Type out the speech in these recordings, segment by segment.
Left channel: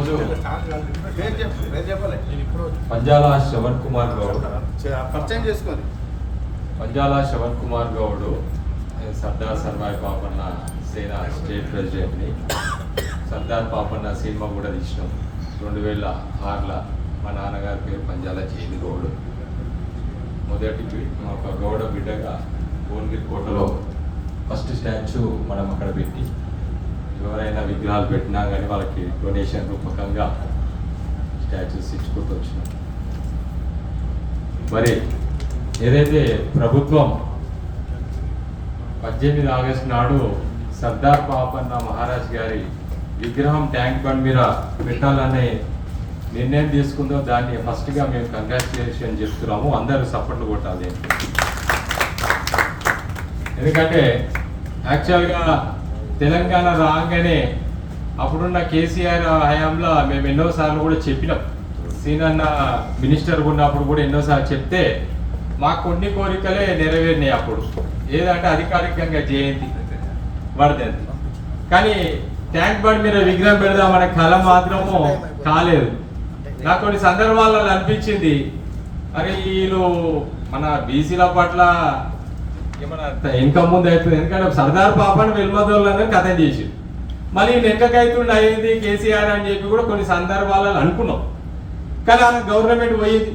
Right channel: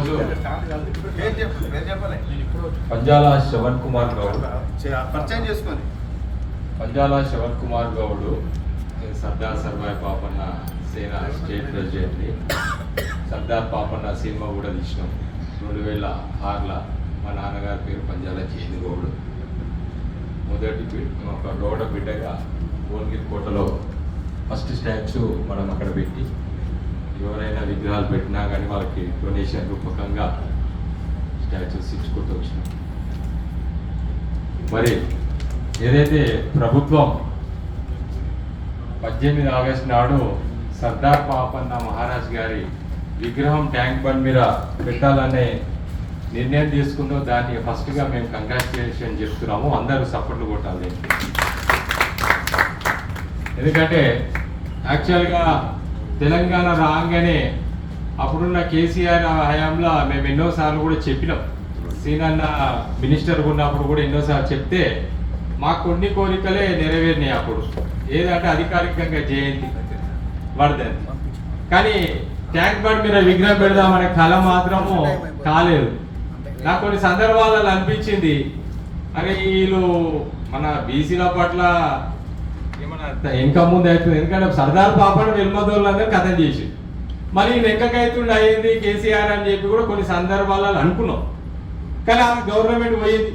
ఈరోజు పంజాల శ్రవణ్ కుమార్ గౌడ్ పరిచయం చేసుకొని పంజాల శ్రవణ్ కుమార్ గౌడ్ సర్దార్ సర్వాయి పాపన్న సేన స్టేట్ ప్రెసిడెంట్ని. సర్దార్ పాపన్న సినిమా కూడా తీసినాం 2006లో. మా నాన్నగారి పేరు పంజాల చేది గౌడ్. మొదటి ఒక గౌడ బిడ్డగా భువనగిరి కోటలో ఫస్ట్ స్టాచ్యూ మనం అక్కడ పెట్టి ఎవరైనా విగ్రహాలు పెట్టినా కానీ వాళ్ళకి డొనేషన్ రూపకంగా స్టాచ్యూస్ ఇచ్చుకుంటూ వచ్చినాం. మరి ఏదైతే ప్రభుత్వం 18 ఆగస్టు నాడు సర్దార్ పాపన్న మహారాజ్ గారి విగ్రహం ట్యాంక్ బండ్ మీద పెట్టాలనే నిర్ణయం తీసుకుందో దాన్ని ఫస్ట్గా మేము కంగ్రాచులేషన్ చెప్తున్నాము. అందరూ సపోర్ట్లు కొట్టాలి. ఎందుకంటే యాక్చువల్గా తెలంగాణ రాగానే అప్పుడున్న కేసీఆర్ హయాంలో మేము ఎన్నోసార్లు కూడా చెప్పినాం. సీనన్న మినిస్టర్ ఉన్నప్పుడు కూడా ఎన్నోసార్లు చెప్తే మాకు కొన్ని కోరికలే నెరవేరినాయి. అప్పుడు ఏదంటే అధికారికంగా జయంతి వర్ధంతి, కానీ ట్యాంక్ బండ్ మీద విగ్రహం పెడదామనే కళ మాత్రము కాలేదు. నాకు కొన్ని సందర్భాలలో అనిపించింది, మరి వీళ్ళు మన బీసీల పట్ల ఏమన్నా ఇంకా ముందు అవుతుంది. ఎందుకంటే సర్దార్ పాపను వెల్మదోళ్ళందరూ కథం చేసి మళ్ళీ నెక్కకైతుండి అయ్యింది కేసీఆర్ అని చెప్పి కూడా కొన్ని సందర్భాలలో అనుకున్నాం. కానీ ఆ గవర్నమెంట్ పోయింది.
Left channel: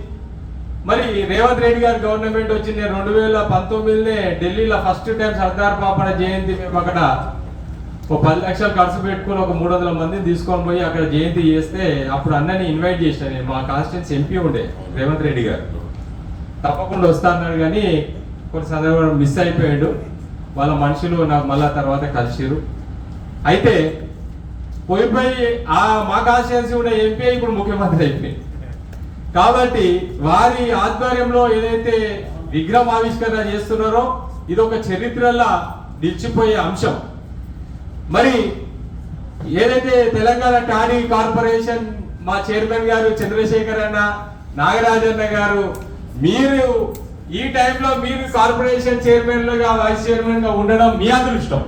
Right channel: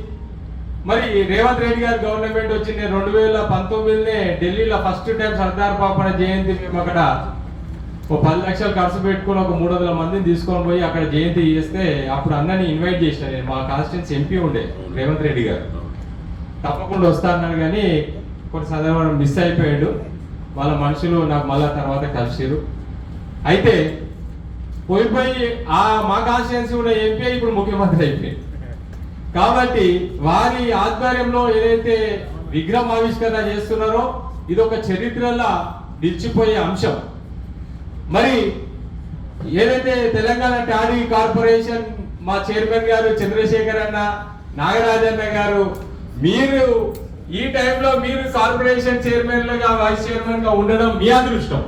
మరి రేవంత్ రెడ్డి గారి గవర్నమెంట్ వచ్చింది 2019 ఢిల్లీలో ఫస్ట్ టైం సర్దార్ పాపన జయంతి మేము అక్కడ ఒక 10 లక్షలు ఖర్చు పెట్టుకుని ఒక 300 మందిని తీసుకొని పోయి అక్కడ జయంతి చేస్తే అప్పుడు అన్నని ఇన్వైట్ చేసిన నేను. మా కాన్స్టిట్యూన్సీ ఎంపీ ఉండే రేవంత్ రెడ్డి గారు, తప్పకుండా వస్తా అన్నాడు. కానీ కొన్ని సందర్భాలు మిస్ అయిపోయాడు. వాళ్ళ మనుషులు నాకు మళ్ళా తర్వాత కలిసిరు. అయితే పోయి మా కాన్స్టిట్యూన్సీ కూడా ఎంపీ ఇప్పుడు ముఖ్యమంత్రి అయిపోయింది. కాబట్టి వారి ఆధ్వర్యంలో ఏదైతే విగ్రహం ఆవిష్కరణ చేస్తున్నారో ఇది ఒక చరిత్రలా నిలిచిపోయే అంశం. మరి ఏదైతే తెలంగాణ టాడీ కార్పొరేషన్ మా చైర్మన్ గారు చంద్రశేఖర్ అన్న, నాగరాజన్న గారు, మీరు ఈ టైంలో మీరు కార్పొరేషన్ చైర్మన్లుగా వైస్ చైర్మన్ గా ఉండడం మీ అదృష్టం.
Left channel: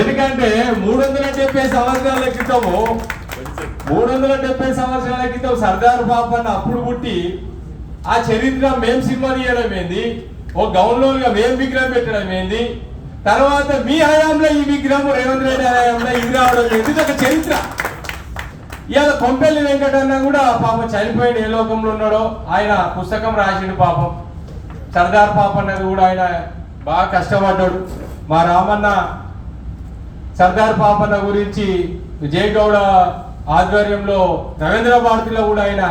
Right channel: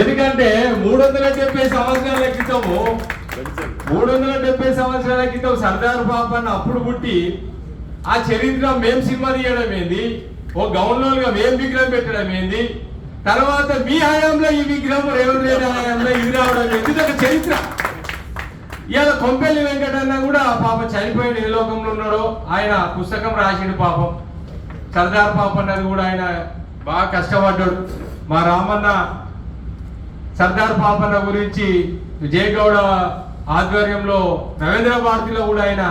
ఎందుకంటే 370 సంవత్సరాల క్రితము 370 సంవత్సరాల క్రితం సర్దార్ పాపన్న అప్పుడు పుట్టి ఆ చరిత్ర మేము సినిమా తీయడం ఏంది, ఓ గౌన్లోగా మేము విగ్రహం పెట్టడం ఏంది, తర్వాత మీ హయాంలో ఈ విగ్రహం రేవంత్ రెడ్డి హయాంలో ఇది రావడం ఏంది, ఇది ఒక చరిత్ర. ఇవాళ కొంపెల్లి వెంకటన్న కూడా పాపం చనిపోయాడు, ఏ లోకంలో ఉన్నాడో. ఆయన పుస్తకం రాసిండు పాపం. సర్దార్ పాపన్న కూడా ఆయన బాగా కష్టపడ్డాడు. మా రామన్న సర్దార్ పాపన్న గురించి విజయగౌడ ఆధ్వర్యంలో రవీంద్ర భారతిలో కూడా ఆయన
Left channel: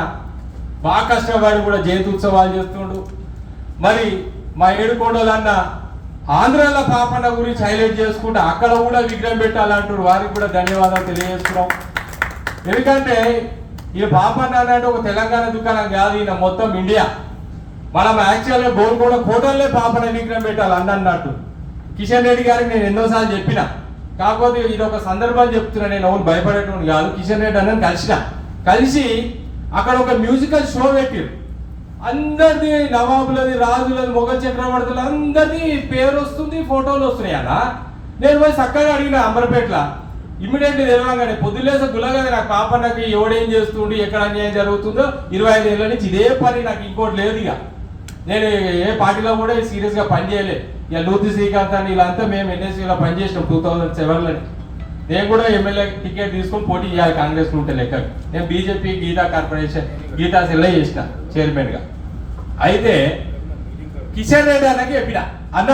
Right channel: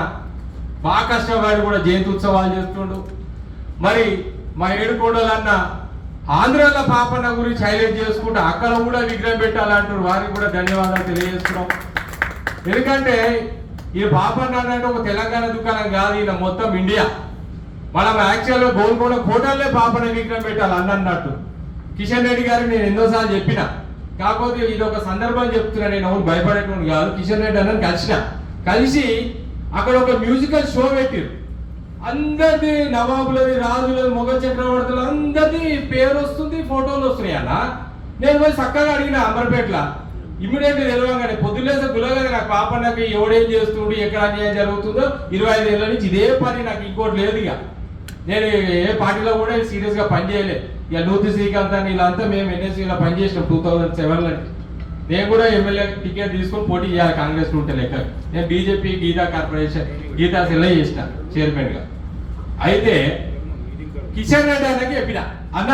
బాగా కష్టపడి కూడా జయంతి ఉత్సవాలు చేస్తుండు. మరి మా ఏడుకోడలన్న ఆంధ్రాల పాపన్న గురించి హైలైట్ చేసుకుంటే అక్కడ కూడా విగ్రహం పెట్టాలంటారు. వారికి కూడా ధన్యవాదాలు తెలియజేస్తున్నాం. ఎందుకంటే ఈ పాపన్న అంటే ఒక తెలంగాణ దుకాణం కాదు, ఈయన మొత్తం ఇండియా. మనం యాక్చువల్గా గోల్కొండ కోటల్లో పాపన్న విగ్రహం పెట్టాలి అన్నట్టు. కిషన్ రెడ్డి గారికి నేను ఎన్నోసార్లు చెప్పిన, కాకపోతే ఇది ఒక సందర్భం చెప్తున్నా, నేను అవును భయపడేటువంటి కాదు. కిషన్ రెడ్డి అన్నని కలిసి అక్కడ ఒక మ్యూజికల్ షో పెట్టారు. అందరిది నవాబులది, రాజులది, మొఘల్ చక్రవర్తులు అందరిది పేరు వస్తుంది, ఫోటోలు వస్తున్నాయి అన్న. నేను పోయి చక్కగా అడిగిన అంబర్పేటలో, ఇమ్మీడియట్గా తెలవగానే పొద్దులేసే గులగా నాకు పాపన్నకి ఎవడేం చేస్తుండి ఎక్కడ అన్యాయం జరుగుతుందో 25 ఏళ్ళ నుంచి ఇదే పని, నాకు ఇంకోటి లేదు. ఇక నేను ఏ పార్టీలో కూడా సీరియస్గా పనిచేయలేదు. ఇక నూతి శ్రీకాంత్ అని వీళ్ళంతా మేము ఎన్ఎస్సీలో పనిచేసినాం 2007లో. నేను కూడా ఎమ్మెల్యే టికెట్ తీసుకొని పోటీ చేయాలి కాంగ్రెస్ ఉంటే లెక్క. నేను BJP Geetha corporation Geetha cell చేసిన చైర్మన్గా. అయితే కిషన్ రెడ్డి అన్నకి చెప్పిన, అన్న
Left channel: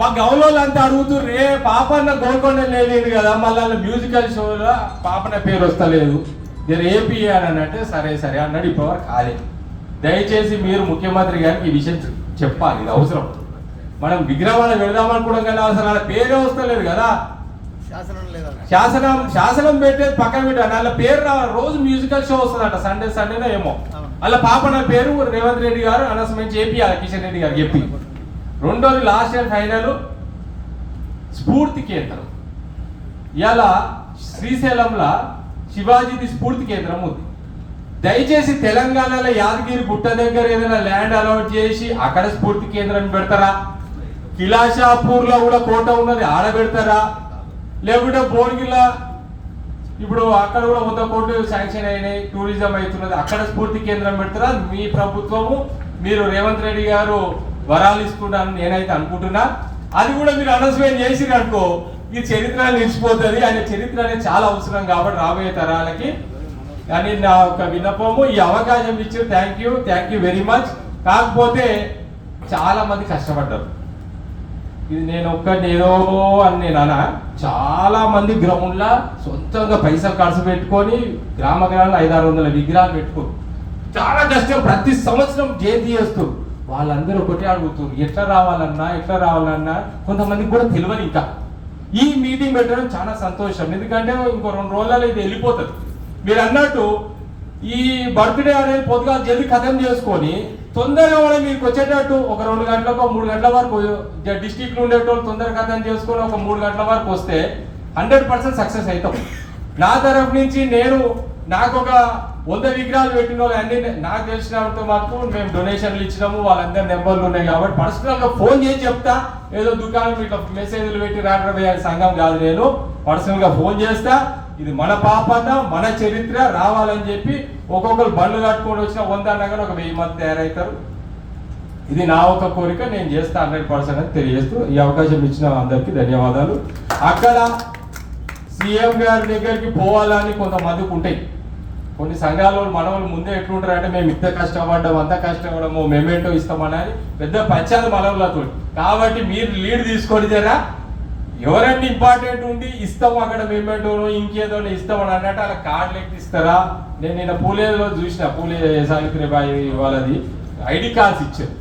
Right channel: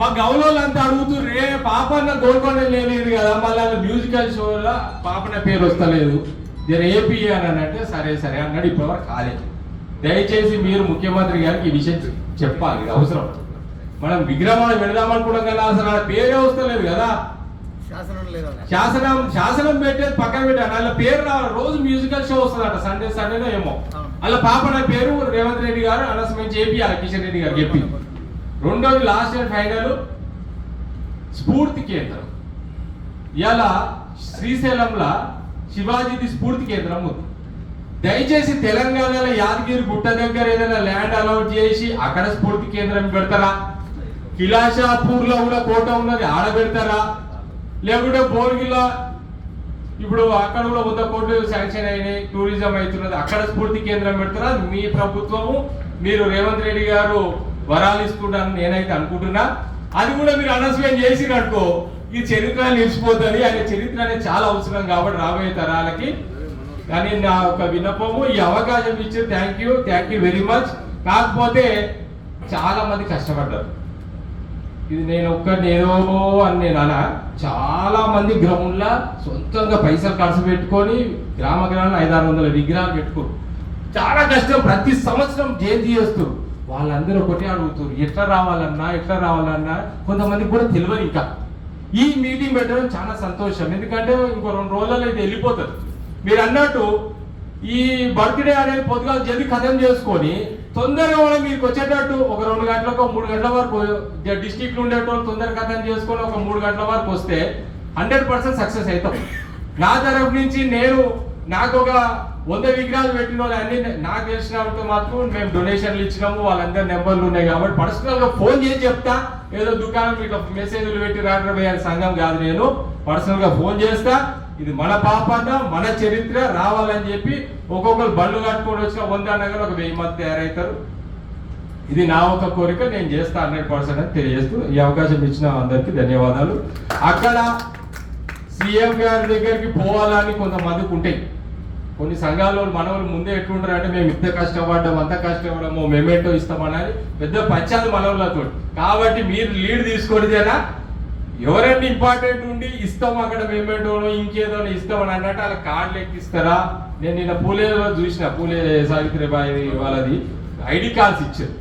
మా గౌలోళ్ళు అంతా అడుగుతుర్రే పాపన్న గోల్కొండ లేదు కదా, మళ్ళీ మ్యూజికల్ షోలో పాపన్న పేరు వస్తలేదు, నేను ఏపీ అని అంటే సరే అన్నాడు. ఇప్పటివరకు కాలేదు. దయచేసి మీరు ముఖ్యమంత్రి గారికి ఈ విషయం చెప్పాలి, ఇది అవసరం. మనం విగ్రహాలు పెడదామనుకోవడం కానీ అసలు అలా పేరే వస్తలేదు కదా. శాసనం పెట్టేది పక్కన పెట్టాను, అలా పేరు రావాలి. రోజు మ్యూజికల్ షో వస్తుందట, సండేనో ఏమో. అలా పాపన్న పేరు రేవంత్ రెడ్డి గారు అనౌన్స్మెంట్ చేపియాలి కిషన్ రెడ్డి గారు చెప్పి. రెండోది లాస్ట్ అండ్ ఫైనల్ స్ఫూర్తి కేంద్రం. ఇలా శ్రీశైలంలో శివాజీది స్ఫూర్తి కేంద్రం ఉంది. దయచేసి తెలంగాణలో యాదగిరి గుట్ట దగ్గర ఏదైనా ల్యాండ్ అలాట్ చేసి అక్కడ స్ఫూర్తి కేంద్రం పెడతారా? కిలాషాపూర్ లో కూడా కోట ఉన్నది, ఆడ పెడతారా? లేకుంటే భోర్గిలా ఇప్పుడు అక్కడ కూడా 100 కోట్లు శాంక్షన్ అయినాయి, టూరిజం అవుతున్నది, అక్కడ స్ఫూర్తి కేంద్రం పెడతారా మీ ప్రభుత్వము, మీరు రేవంత్ రెడ్డి గారు వరాలు ఇస్తున్నారని నేనైతే అనుకుంటున్నా. అది కూడా మీరు అనౌన్స్మెంట్ చేసిరు అనుకో, ఈ చరిత్ర నిలిచిపోతుంది. ఆయన చరిత్ర అనేది చాలా అవసరం కాబట్టి రాబోయే తరాలకి. కానీ నా ఒక విన్నపము, ఈ అవకాశం ఇచ్చారు, థ్యాంక్ యూ వెరీ మచ్. కాకపోతే చాలా మంది కష్టపడ్డారు. ఇది నేను ఒక్కనేదో అని నేను అనా, చాలా మంది గ్రామంలో సొంతంగా పైసలు ఖర్చు పెట్టుకొని గ్రామంలో 500-600 విగ్రహాలు పెట్టుకోరు. చాలా కష్టం, ప్రతి సంవత్సరం జయంతి చేస్తారు. వాళ్ళందరూ ఒకటి అడుగుతారు, ఎట్లా రావాలన్నా కొంతమందికి కూడా తెలియదు. ఇంకా ఈ మీటింగ్ పెట్టడం చాలా సంతోషం, ఎందుకంటే ఇంకో 2 రోజులలో ఇది వెళ్ళిపోతుంది. మీరు అన్నట్టు ఈ బర్త్డే అనేది పొద్దుగా జల్దీ ఖతం చేసుకొని తొందరగా మనం మీకు వచ్చేటట్టు ఒక 2 గంటలకు 3 గంటల వరకు డిస్టిక్ ఉండేటోళ్ళు తొందరగా ఖతం చేసుకొని ఒక 3 గంటల వరకు వస్తే 100% సక్సెస్ అవుతాం. నా తరఫు నుంచి నాకు ఒక 100 విగ్రహాలు పెట్టిన వాళ్ళు అన్ని నాకు తెలిసినంత మాత్రం మేము డొనేషన్లు ఇచ్చినాము, వాళ్ళందరి నెంబర్లు ఉన్నాయి కాబట్టి పర్సనల్గా ఫోన్ చేసి చెప్తా. ఏదో దుకాణం ఇట్లా మెసేజ్లు పెట్టి రావడం సంఘం కాదు, నేను పర్సనల్గా ఫోన్ చేస్తా. ఇది మన పాపన్న, మన చరిత్ర రావాలని చెప్పి ఒక్కొక్కరు బండ్లు కట్టుకొని వచ్చిన 100 నగలు ఒక 1000 మంది తయారవుతారు. ఇది నా ఒక కోరిక, నేను చేస్తా 100% అని తెలియజేస్తూ ఈ అవకాశం ఇచ్చిన అందరికీ ధన్యవాదాలు. అక్కడ సీఎం గారి దగ్గరికి పోవాలని కొంతమందికి ఉంటాయి. కొన్ని సంఘాల మనవాళ్ళు ముందే ఎట్లుంటారు అంటే మేము ఇంత కష్టపడ్డాము, అంత కష్టపడము, మెమెంటో ఇస్తామని పెద్ద పంచాది మనవులతో. కాబట్టి మీరు లీడ్ తీసుకొనిదేనా, ఎవరైనా ఇంపార్టెంట్ ఉండి ఇస్తాం అక్కడ మెమెంటోను ఇంకేదో ఇస్తామని అన్నట్టు అలా కార్డులు ఎక్కిస్తారా. నేను నిన్న పూలేలో చూసిన, పూలే సావిత్రిబాయి వాళ్ళది ఐడి కార్డ్స్ ఇచ్చారు.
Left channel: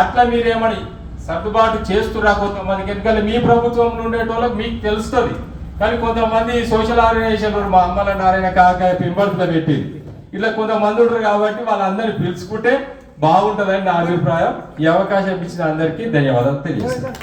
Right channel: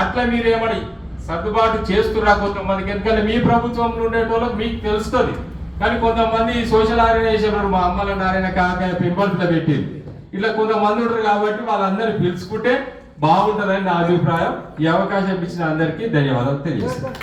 అట్లా మీరేమని సర్దుబాటు చేస్తురా కొంతమందికి, ఎందుకంటే మీ ప్రభుత్వంలో ఉండేటోళ్ళకి మీకు తెలుస్తుంది. కానీ కొంతమంది సోషల్ ఆర్గనైజేషన్ మా అమ్మల నారాయణ కాకాయ పింబర్స్లో పెట్టింది, ఇలా కొంతమంది ఉంటారు. కాబట్టి వాళ్ళందరినీ పిలుచుకుంటే బాగుంటుందని నా అభిప్రాయం. ఈ అవకాశం ఇచ్చిన అందరికీ ధన్యవాదాలు తెలియజేస్తాను.